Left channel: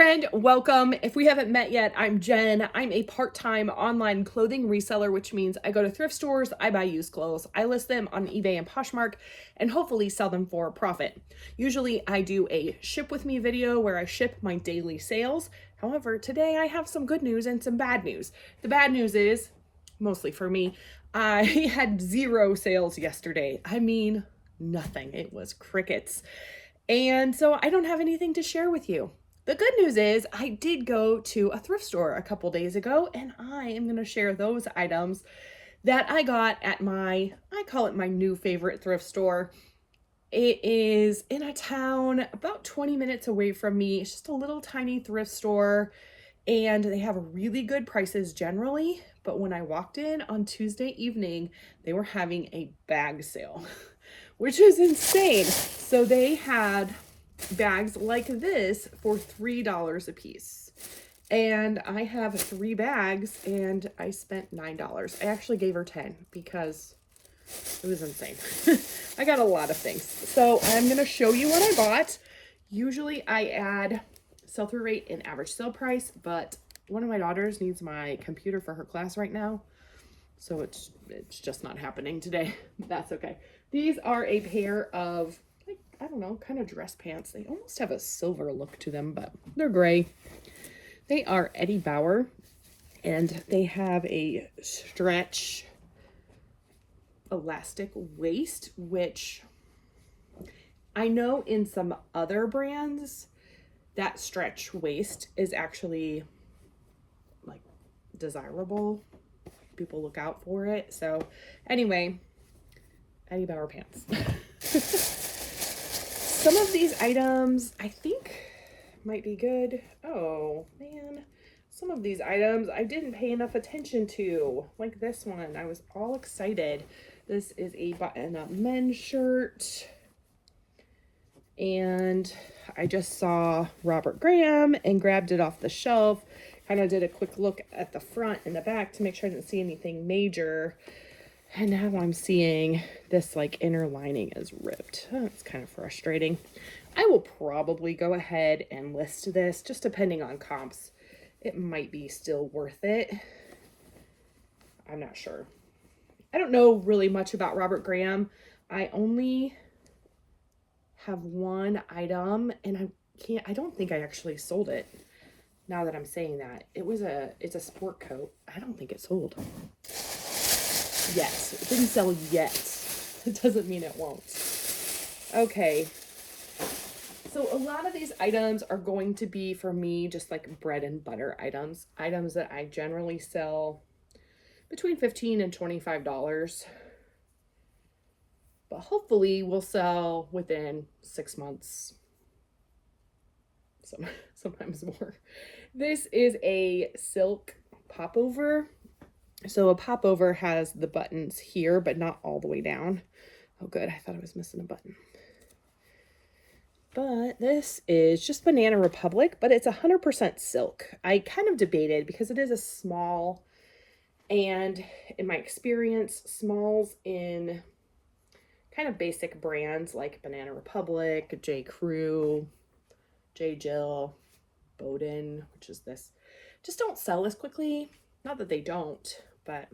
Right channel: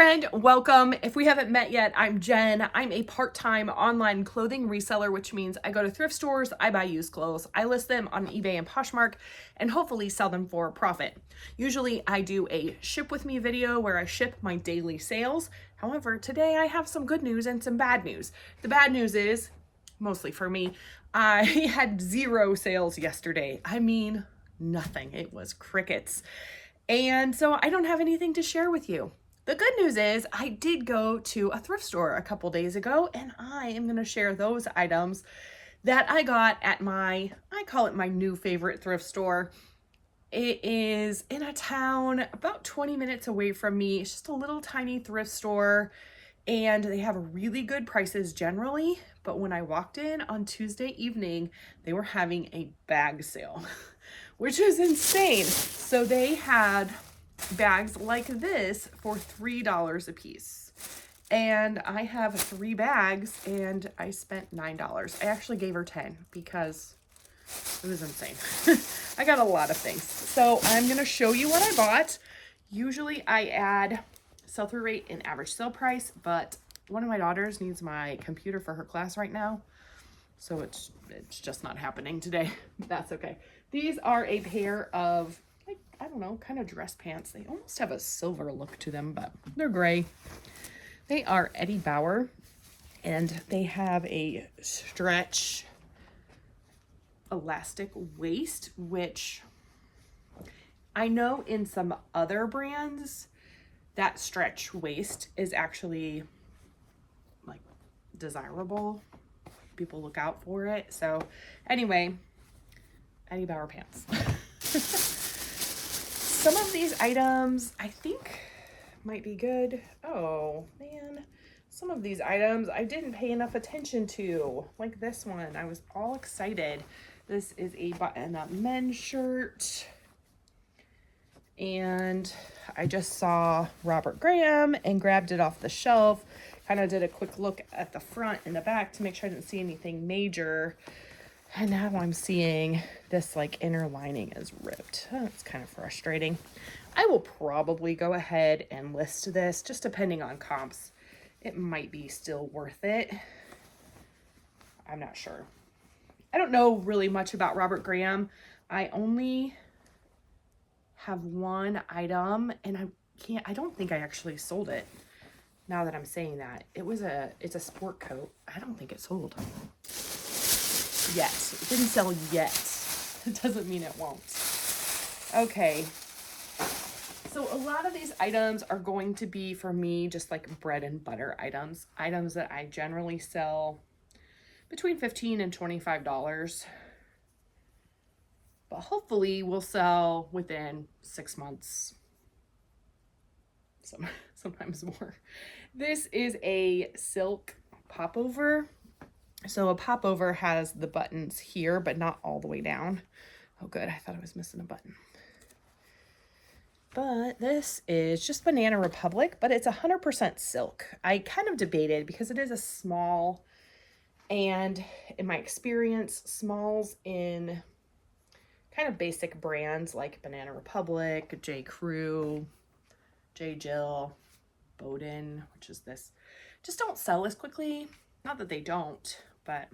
friend, welcome. If we haven't met yet, I'm Jen. I'm a part-time online clothing reseller, which means I go to thrift stores, I buy used clothes, I list them on eBay and Poshmark, and hopefully sell them for a profit. Usually I do a ship with me video where I ship my daily sales. However, today I have some good news and some bad news. The bad news is, mostly for me, I had 0 sales yesterday. I mean, nothing. It was crickets. And so I don't have anything to share with you. The good news is I did go to a thrift store a couple days ago, and I am going to share those items that I got at I call it my new favorite thrift store. It is in a town about 20 minutes away from me. It's just a little tiny thrift store, and they have really good prices generally. But when I walked in on Tuesday evening, they were having a bag sale, which is insane. So they had bags like this for $3 a piece. And I have 3 bags and I spent $9. I actually gave her 10 because it was insane. I got a lot of things. So I'm going to show you what I bought. Usually I add sell-through rate and average sale price, but one of my daughters needs my computer for her class right now. So it's just not happening today. That's okay. These are a pair of, I don't know, kind of dress pants. They almost have a silver look to them, but they're gray. They are Eddie Bauer, and they have a stretch elastic waist, which I know in some other brands, that stretch waist is actually like desirable. People look out for it. So anyway, Eddie Bauer pants. Some of these items I think might be good. Oh man, some of these items I didn't pay enough attention to, like this one. I was all excited. This is a button-up men's shirt, and I just saw Robert Graham and grabbed it off the shelf. Kind of did a quick look at the front and the back to make sure I didn't see anything major. And now I'm seeing this like inner lining is ripped. Oh, it's kind of frustrating. I will probably go ahead and list this, just depending on comps. It might be still worth it. I'm not sure. I don't know really much about Robert Graham. I only have one item, and I don't think I actually sold it. Now that I'm saying that, it's a sport coat. I don't think it sold yet. It didn't sell yet. It doesn't mean it won't. Okay. So a lot of these items are going to be for me just like bread and butter items that I generally sell between $15 and $25. But hopefully we'll sell within 6 months. Sometimes more. This is a silk popover. So a popover has the buttons here, but not all the way down. Oh, good. I thought I was missing a button. But this is just Banana Republic, but it's 100% silk. I kind of debated because it is a small, and in my experience, smalls in kind of basic brands like Banana Republic, J. Crew, J. Jill, Bowden, which is this, just don't sell as quickly. Not that they don't, but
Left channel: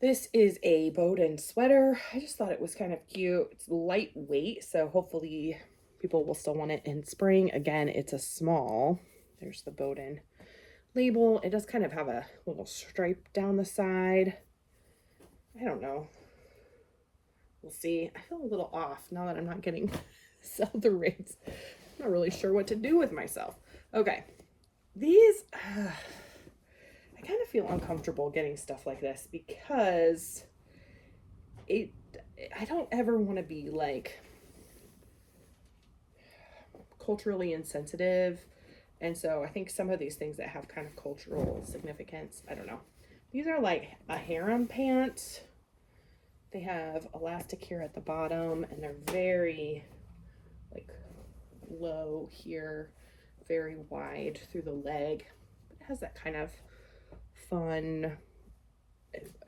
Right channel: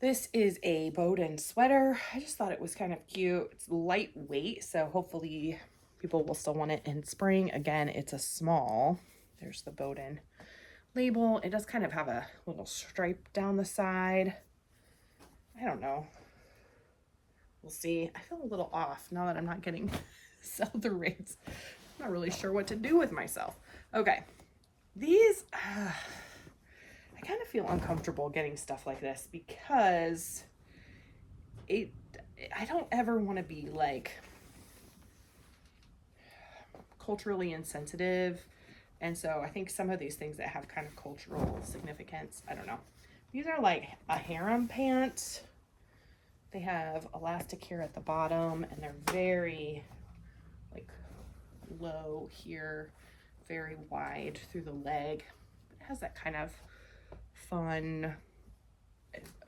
this is a Bowden sweater. I just thought it was kind of cute. It's lightweight, so hopefully people will still want it in spring. Again, it's a small. There's the Bowden label. It does kind of have a little stripe down the side. I don't know. We'll see. I feel a little off now that I'm not getting sell-through rates. I'm not really sure what to do with myself. Okay. These... I kind of feel uncomfortable getting stuff like this because I don't ever want to be like culturally insensitive. And so I think some of these things that have kind of cultural significance, I don't know. These are like a harem pants. They have elastic here at the bottom, and they're very like low here, very wide through the leg. It has that kind of fun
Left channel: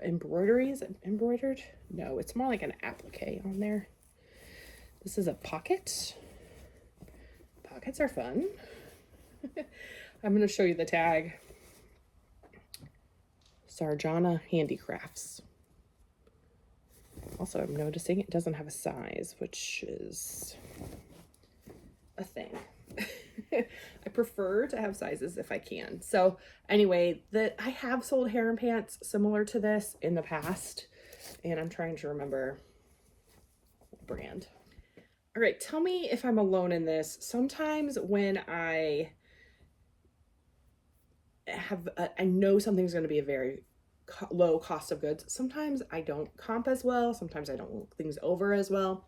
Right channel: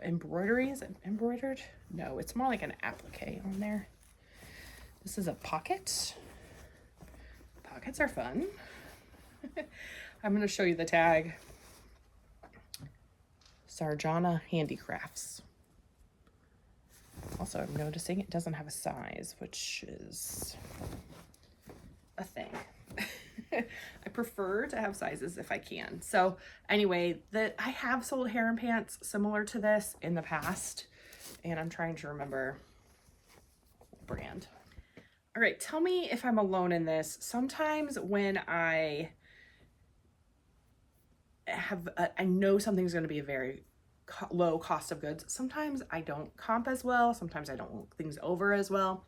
embroidery. Is it embroidered? No, it's more like an applique on there. This is a pocket. Pockets are fun. I'm going to show you the tag. Sarjana Handicrafts. Also, I'm noticing it doesn't have a size, which is a thing. I prefer to have sizes if I can. So anyway, I have sold harem pants similar to this in the past, and I'm trying to remember the brand. All right, tell me if I'm alone in this. Sometimes when I know something's going to be a very low cost of goods, sometimes I don't comp as well. Sometimes I don't look things over as well.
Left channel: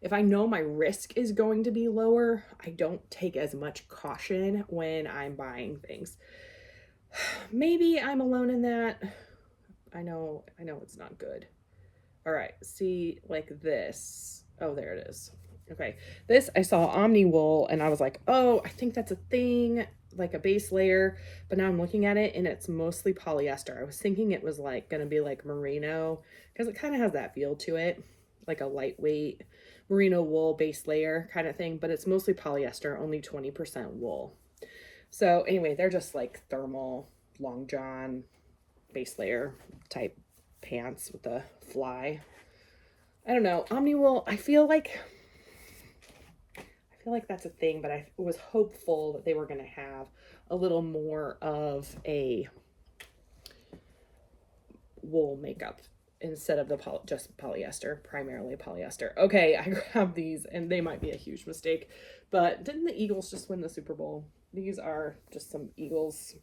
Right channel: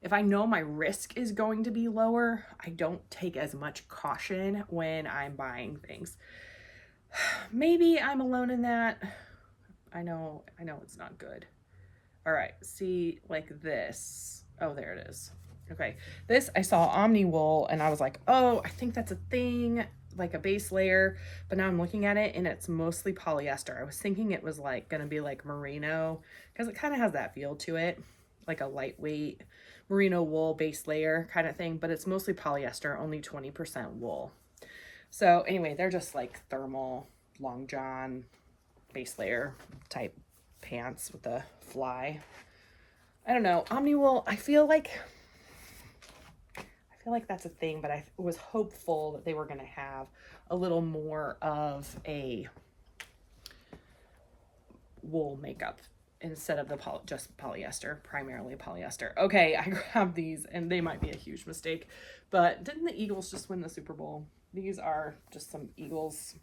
If I know my risk is going to be lower, I don't take as much caution when I'm buying things. Maybe I'm alone in that. I know it's not good. All right, see, like this. Oh, there it is. Okay, this I saw Omni Wool and I was like, oh, I think that's a thing, like a base layer, but now I'm looking at it and it's mostly polyester. I was thinking it was like gonna be like merino because it kind of has that feel to it, like a lightweight merino wool base layer kind of thing, but it's mostly polyester, only 20% wool. So anyway, they're just like thermal long john base layer type pants with the fly. I don't know, Omni Wool, I feel like that's a thing, but I was hopeful that they were going to have a little more of a wool makeup instead of the just polyester, primarily polyester. Okay, I grabbed these and they might be a huge mistake, but didn't the Eagles just win the Super Bowl? These are just some Eagles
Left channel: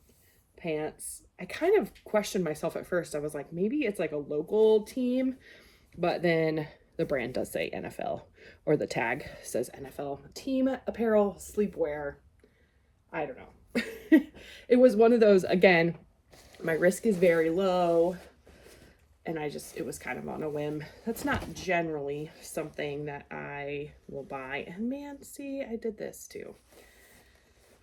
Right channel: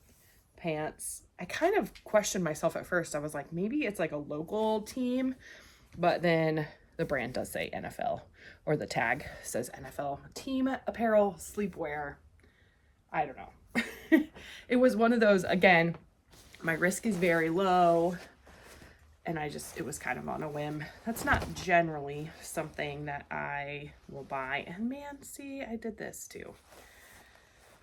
pants. I kind of questioned myself at first. I was like, maybe it's like a local team, but then the brand does say NFL, or the tag says NFL. Team apparel, sleepwear. I don't know. It was one of those, again, my risk is very low, and it was kind of on a whim. That's not generally something that I will buy. And man, see, I did this too.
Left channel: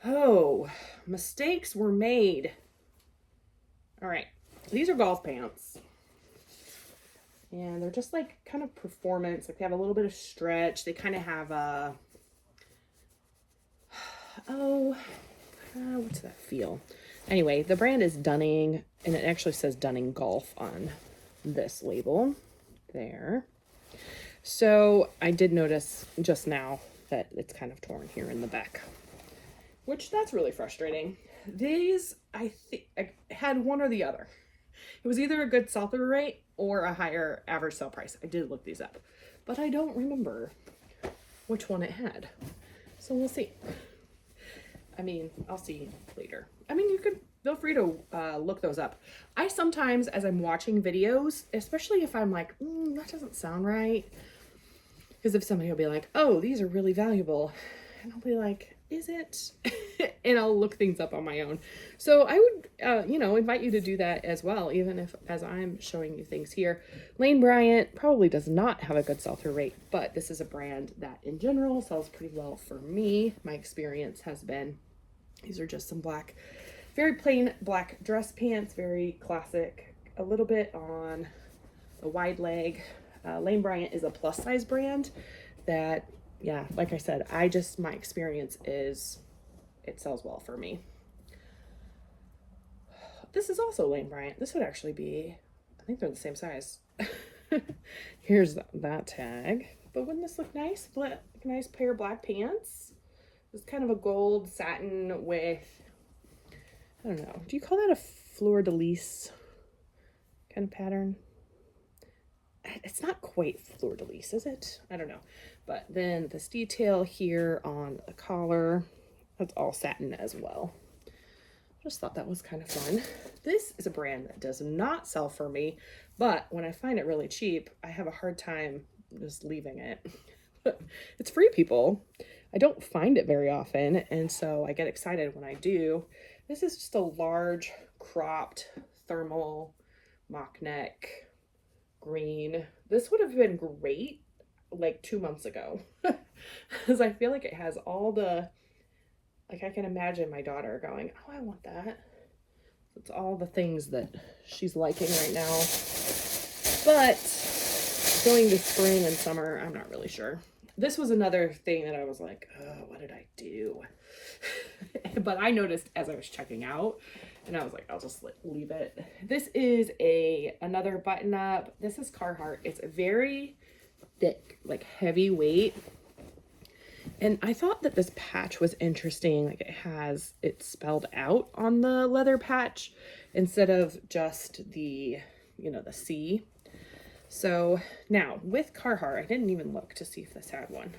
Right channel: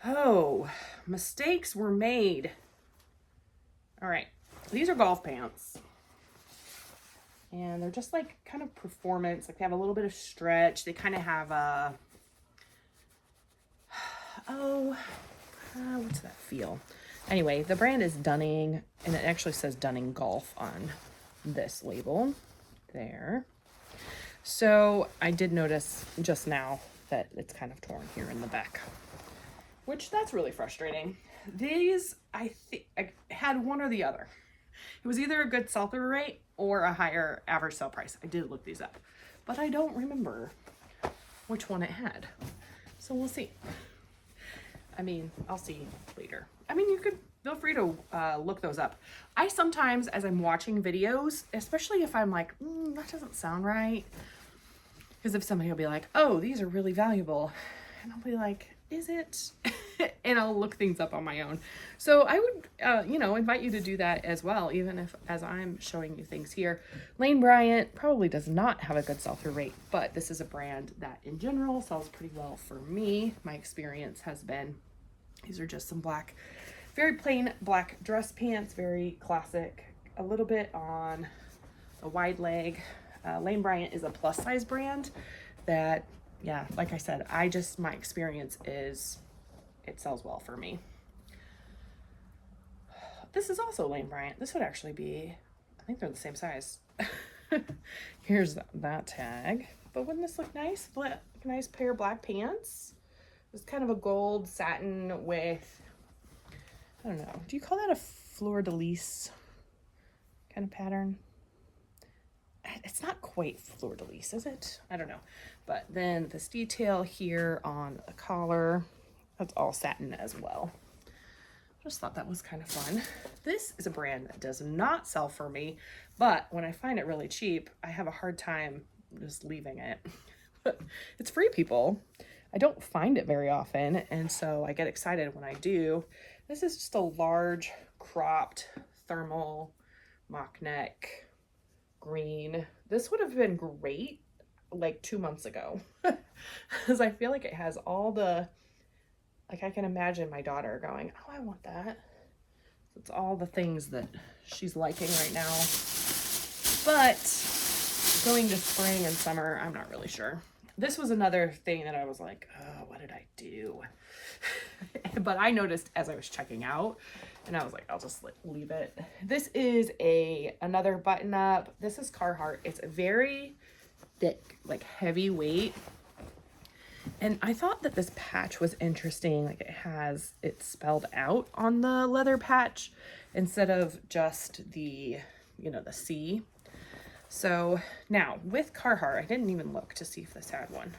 Oh, mistakes were made. All right, these are golf pants. And they're just like kind of performance, like they have a little bit of stretch. They kind of have a, what's that feel? Anyway, the brand is Dunning, and it actually says Dunning Golf on this label there. So I did notice just now that it's kind of torn here in the back, which that's really frustrating. These, I think I had one or the other. It was either a good sell-through rate or a higher average sell price. I did look these up, but I don't remember which one it had. So we'll see. I mean, I'll see later. I mean, you could feel free to look those up. I sometimes, as I'm watching videos, especially if I'm like, that doesn't sound right, because if somebody will be like, oh, these are really valuable, and I'll be like, is it? And I'll look things up on my own. So I would, invite you to do that as well, even if as I'm showing you things here. Lane Bryant probably does not have a good sell-through rate, but this is a brand that in general sells pretty well for me. My experience has been, these are just some black, very plain black dress pants, very classic, a little bit on a wide leg. Lane Bryant is a plus size brand that, yeah, like I said, my experience is it sells well for me. This is also Lane Bryant. This would actually be, I think they're the same size. Here's that tag. But wouldn't this look nice? Nice pair of black pants. It's kind of a gold satin with, I don't know, do you call that a fleur-de-lis kind of pattern? It's not quite fleur-de-lis, is it? I don't know. But then this detail here on the collar, that's all satin as well. Just thought that was kind of fun. This is a brand that does not sell for me, but when I find it really cheap, I have a hard time just leaving it. It's Free People. I don't find it very often, and so I get excited when I do. This is just a large cropped thermal mock neck green. This would have been great like 2 months ago, because I feel like it has all the, like I can imagine my daughter going, oh, I want that. It's all the things that she's liking right now. But going to spring and summer, I'm not really sure. This was another thing that I was like, oh, what did I do? but I noticed as I was checking out, and I was like, I'll just leave it. This is another button up. This is Carhartt. It's a very thick, like heavy weight. And I thought that this patch was interesting. Like it has it spelled out on the leather patch instead of just the, you know, the C. So now with Carhartt, I didn't even look to see if this had one.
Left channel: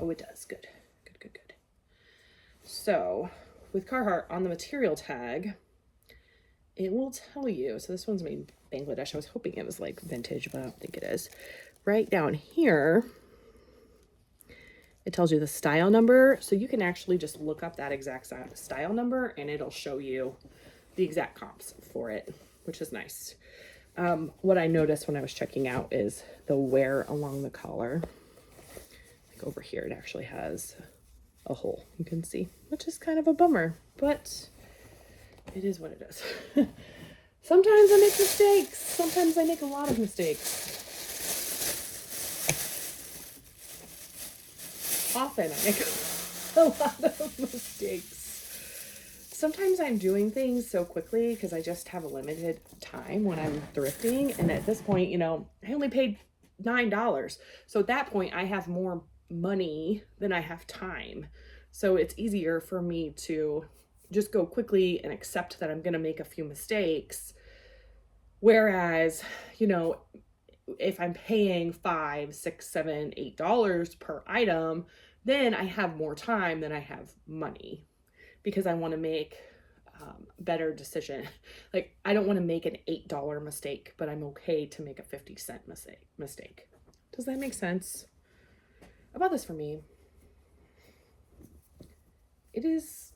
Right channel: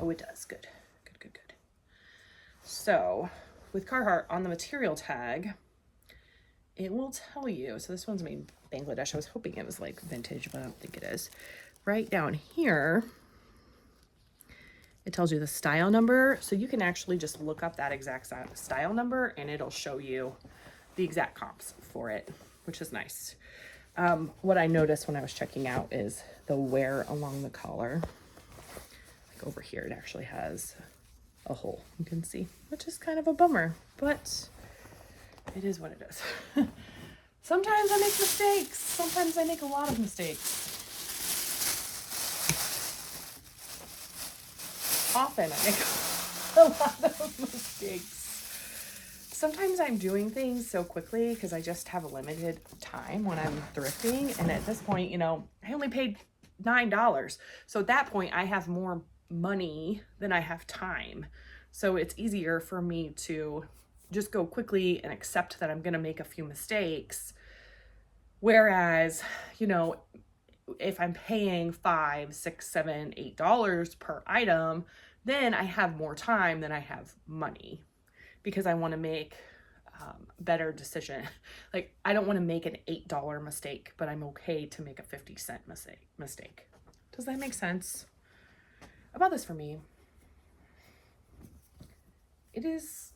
Oh, it does. Good. Good, good, good. So with Carhartt on the material tag, it will tell you. So this one's made in Bangladesh. I was hoping it was like vintage, but I don't think it is. Right down here, it tells you the style number. So you can actually just look up that exact style number and it'll show you the exact comps for it, which is nice. What I noticed when I was checking out is the wear along the collar. Like over here, it actually has a hole, you can see, which is kind of a bummer, but it is what it is. Sometimes I make mistakes. Sometimes I make a lot of mistakes. Often I make a lot of mistakes. Sometimes I'm doing things so quickly because I just have a limited time when I'm thrifting. And at this point, you know, I only paid $9. So at that point, I have more money than I have time. So it's easier for me to just go quickly and accept that I'm going to make a few mistakes. Whereas, you know, if I'm paying $5, $6, $7, $8 per item, then I have more time than I have money because I want to make better decision. Like I don't want to make an $8 mistake, but I'm okay to make a 50-cent mistake. Does that make sense? About this for me, it is,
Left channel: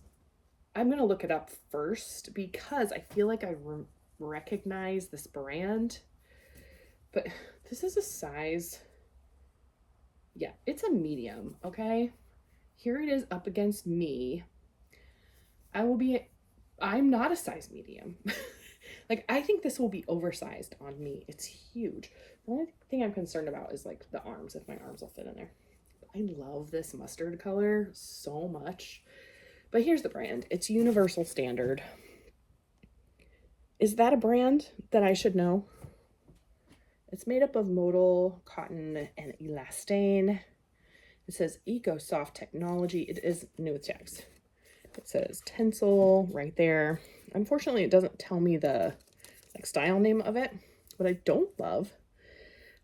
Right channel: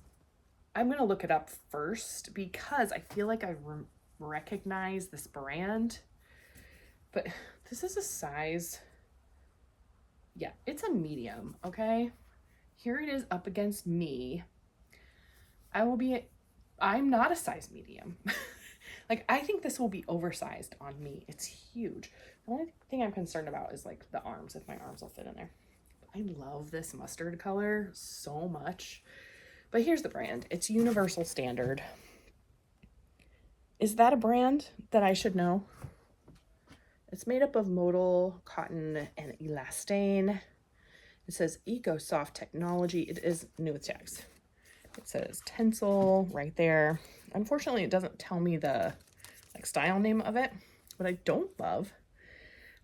I'm going to look it up first because I feel like I recognize this brand, but this is a size, yeah, it's a medium, okay? Here it is up against me. I'm not a size medium. Like, I think this will be oversized on me. It's huge. The only thing I'm concerned about is like the arms, if my arms will fit in there. I love this mustard color so much. But here's the brand. It's Universal Standard. Is that a brand that I should know? It's made up of modal, cotton, and elastane. It says EcoSoft technology. It is new with tags. It says Tencel right there. Unfortunately, it doesn't tell me the like style name of it. What I don't love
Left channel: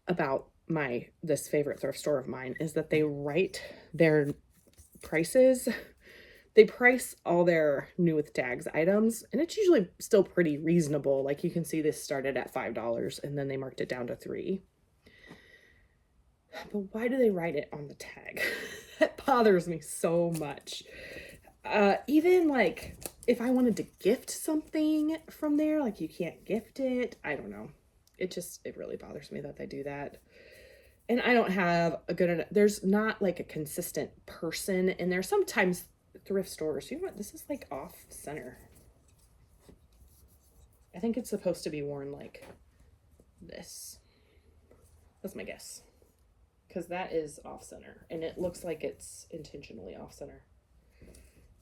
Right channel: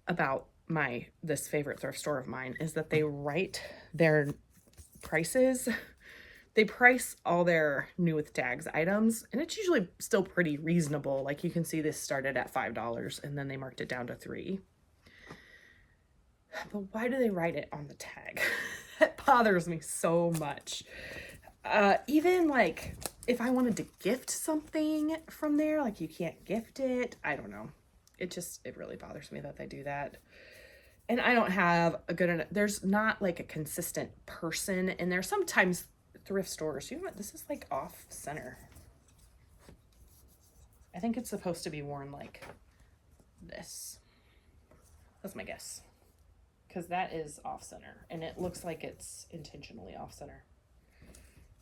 about this favorite thrift store of mine is that they write their prices. They price all their new with tags items, and it's usually still pretty reasonable. Like you can see this started at $5 and then they marked it down to $3. But why do they write it on the tag? That bothers me so much. Even like if I wanted to gift something from there, like you can't gift it. I don't know. It really bothers me that they do that. And I don't have there's not like a consistent person in there. Sometimes thrift stores, you know what, this is like off center. I think it's supposed to be worn like this. That's my guess. Because that is off center and it looks like it's intentionally off center.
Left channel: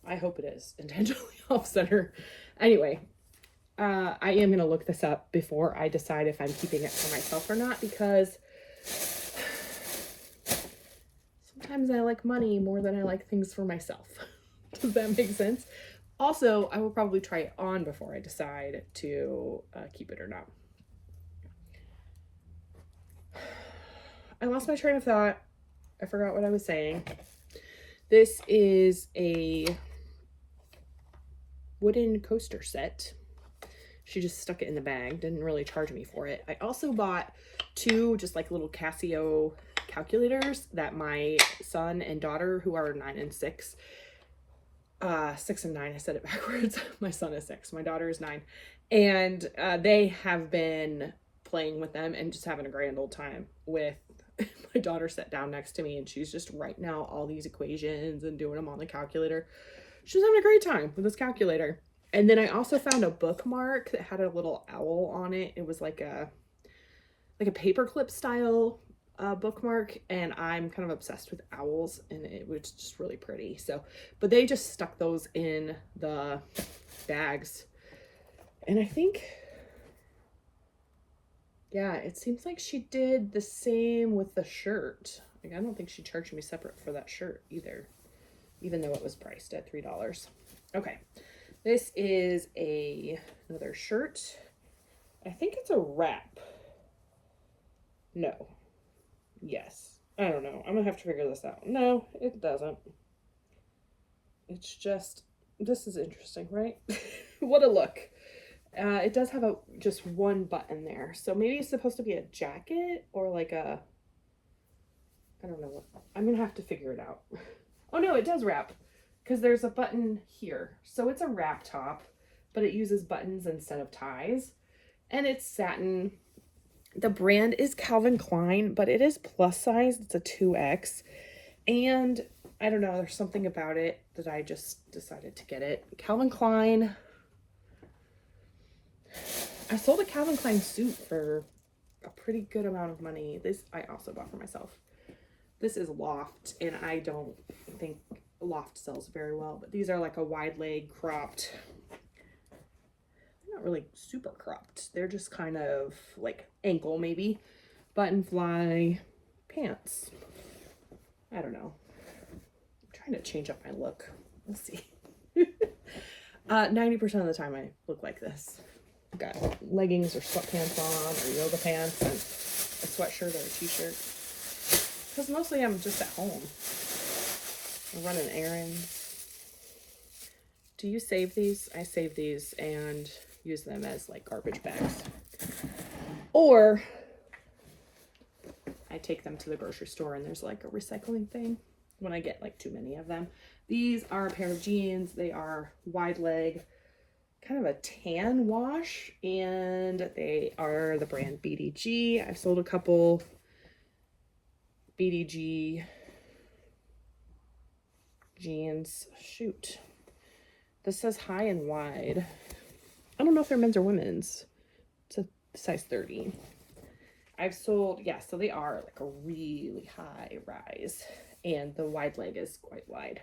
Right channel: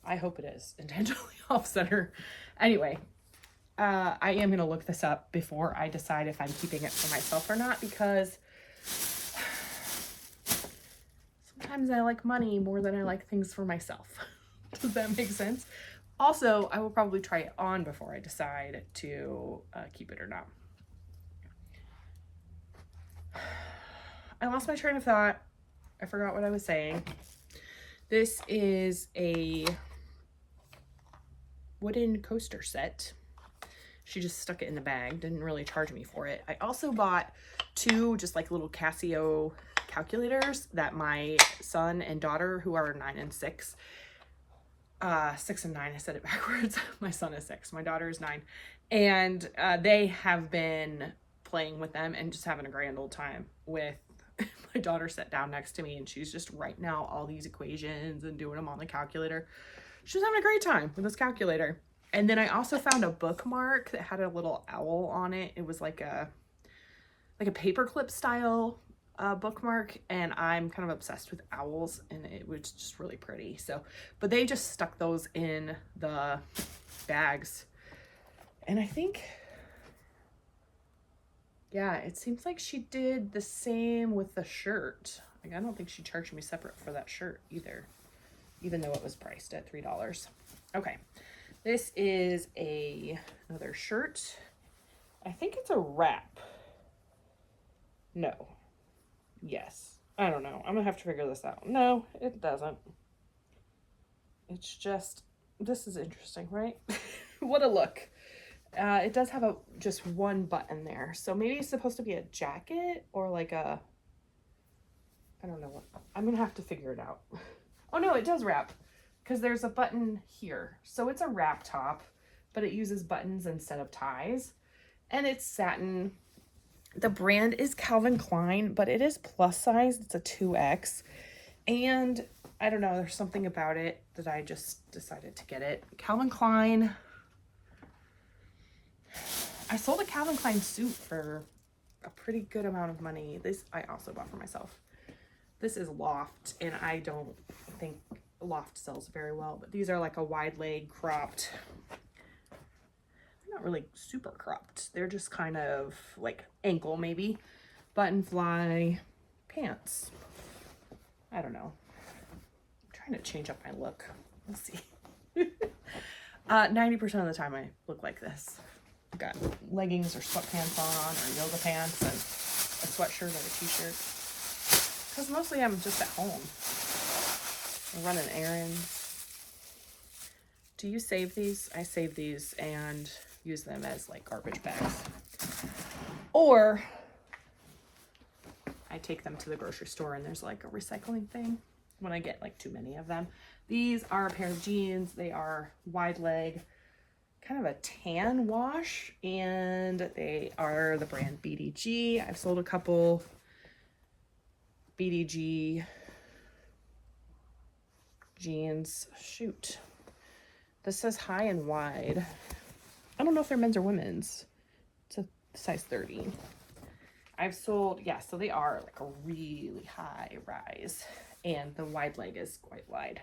I hope it is intentionally off center. Anyway, I am going to look this up before I decide if I'm keeping it for myself or not, because sometimes I like money more than I like things for myself. Does that make sense? Also, I will probably try it on before I decide to keep it or not. I lost my train of thought. I forgot what I was saying. This is a wooden coaster set. She just stuck it in the bag, didn't really charge me for it. I also bought 2 just like little Casio calculators that my son and daughter, who are 9 and 6, 6 and 9, I said it backwards. My son is 6, my daughter is 9, and they have been playing with them and just having a grand old time with. My daughter sat down next to me and she's just writing out all these equations and doing them on the calculator. She was having a great time with this calculator. And then I also found a bookmark that had a little owl on it. It was like a paperclip style bookmark, and I'm kind of obsessed with owls, and it was just really pretty. So, but they just stuck those in the bags. And I think, yeah, it seems like she did the same with the shirt. Like, I don't think she charged me separate for that shirt either, even though it was priced at $3. Okay, this is another shirt. I think it's a wrap. No. Yes. I don't know. I'm gonna have to figure this out. No, it doesn't. It's just, this is interesting, right? What a look. It does have just one button there. So maybe it's supposed to be a jacket or like a, I don't know what. I'm gonna have to figure it out. Oh no, it does wrap because there's a button here. So it's a wrap top, but it uses buttons instead of ties. And it's satin. The brand is Calvin Klein, but it is plus size. It's a 2X. And I don't know, there's something about it that I just decided to get it. Calvin Klein. I sold a Calvin Klein suit for a pretty good amount of money. This I also bought for myself. This is Loft, and I don't think Loft sells very well, but these are like a wide leg cropped. Not really super cropped. They're just kind of like ankle maybe. Button fly pants. I don't know. I'm trying to change up my look. We'll see. 90% of the time I look like this. I've got leggings or sweatpants on or yoga pants and a sweatshirt or a t-shirt. Because mostly I'm just at home. I'm running errands. Do you save these? I save these and use them as like garbage bags, or I take them to the grocery store and there's like a recycling thing when I get like too many of them. These are a pair of jeans. They are wide leg, kind of a tan wash, and they are the brand BDG. I've sold a couple BDG jeans. Shoot, this says high and wide. I don't know if they're men's or women's. It's a size 30. I've sold, yeah, so they are like a really high rise, and the wide leg is quite wide.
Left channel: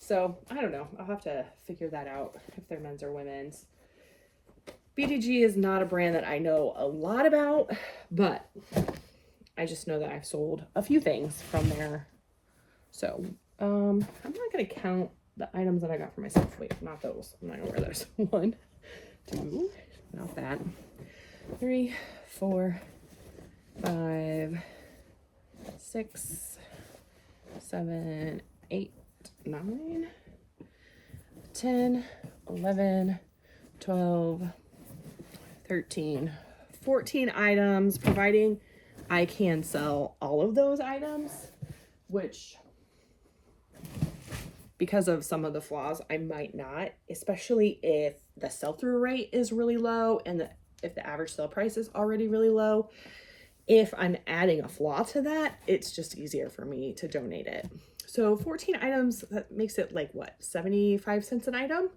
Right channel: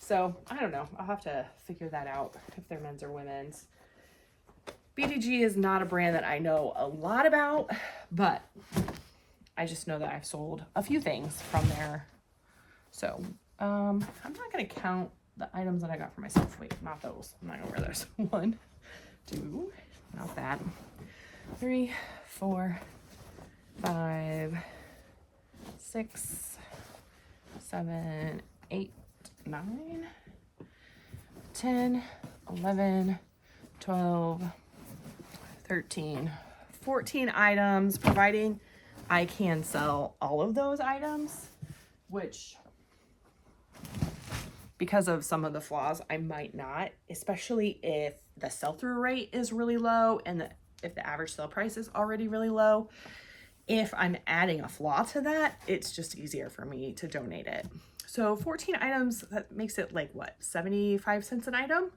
So I don't know. I'll have to figure that out if they're men's or women's. BDG is not a brand that I know a lot about, but I just know that I've sold a few things from there. So I'm not going to count the items that I got for myself. Wait, not those. I'm not going to wear those. 1, 2, not that. 3, 4, 5, 6, 7, 8, 9, 10, 11, 12, 13, 14 items, providing I can sell all of those items, which because of some of the flaws, I might not, especially if the sell-through rate is really low and if the average sale price is already really low. If I'm adding a flaw to that, it's just easier for me to donate it. So 14 items, that makes it like what, 75 cents an item?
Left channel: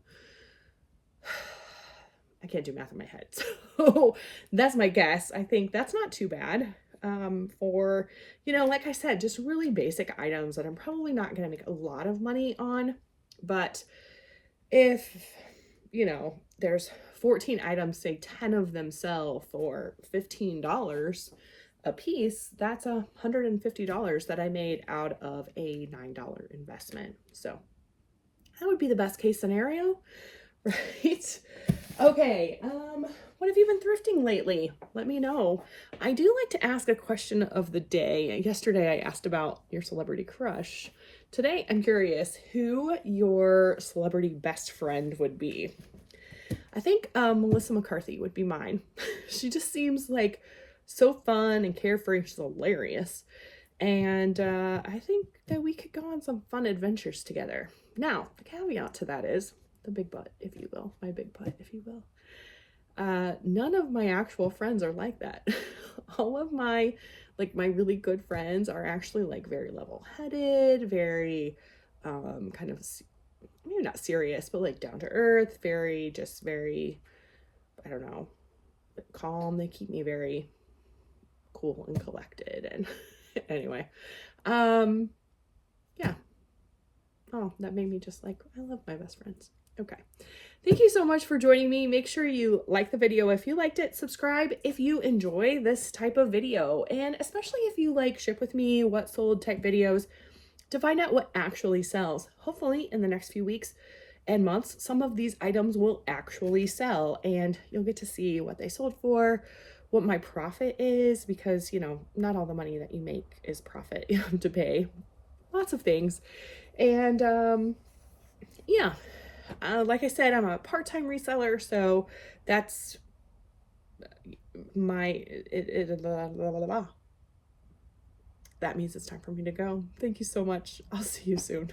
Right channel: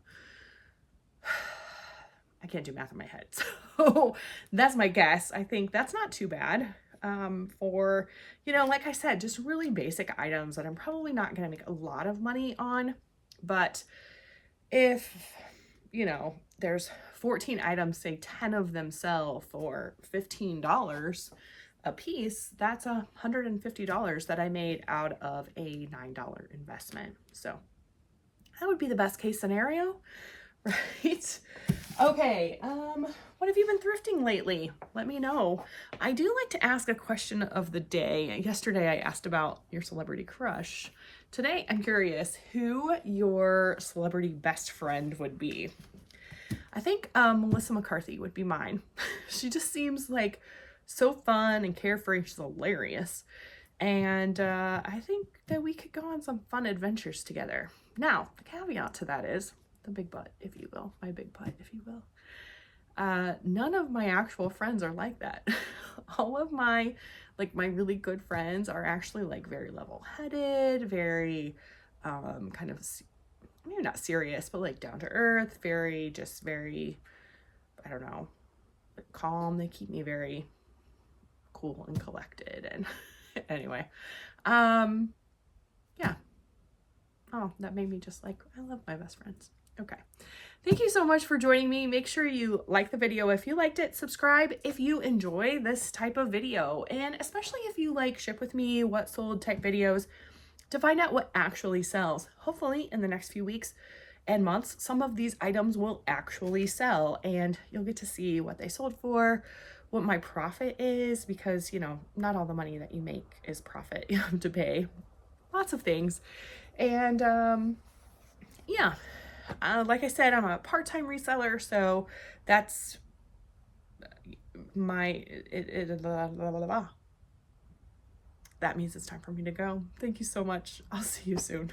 I can't do math in my head. So that's my guess. I think that's not too bad. For, you know, like I said, just really basic items that I'm probably not going to make a lot of money on. But if, you know, there's 14 items, say 10 of them sell for $15 a piece, that's $150 that I made out of a $9 investment. So that would be the best case scenario, right? Okay, what have you been thrifting lately? Let me know. I do like to ask a question of the day. Yesterday I asked about your celebrity crush. Today I'm curious who your celebrity best friend would be. I think Melissa McCarthy would be mine. She just seems like so fun and carefree. She's hilarious. And I think that we could go on some fun adventures together. Now, the caveat to that is the big butt, if you will. My big butt, if you will. None of my actual friends are like that. All of my, like, my really good friends are actually like very level-headed, very kind of, maybe not serious, but like down to earth, very, just very, I don't know, calm. They keep me very cool and collected, and Anyway, yeah. Oh, that made me just like, I love my best friends. Okay. Thank you so much for joining me. Make sure you like the video if you liked it, subscribe if you enjoy this type of video, and especially if you like ship with me, what sold type videos to find out what actually sells. Hopefully in the next few weeks and months, some of these items will actually sell and you'll get to see what they sold for, what my profit is, because, you know, not all the money that you make is profit. You have to pay lots of things. And yeah, like I said, I'm a part-time reseller, so that's my that means it's time for me to go. Thank you so much. I'll see you soon.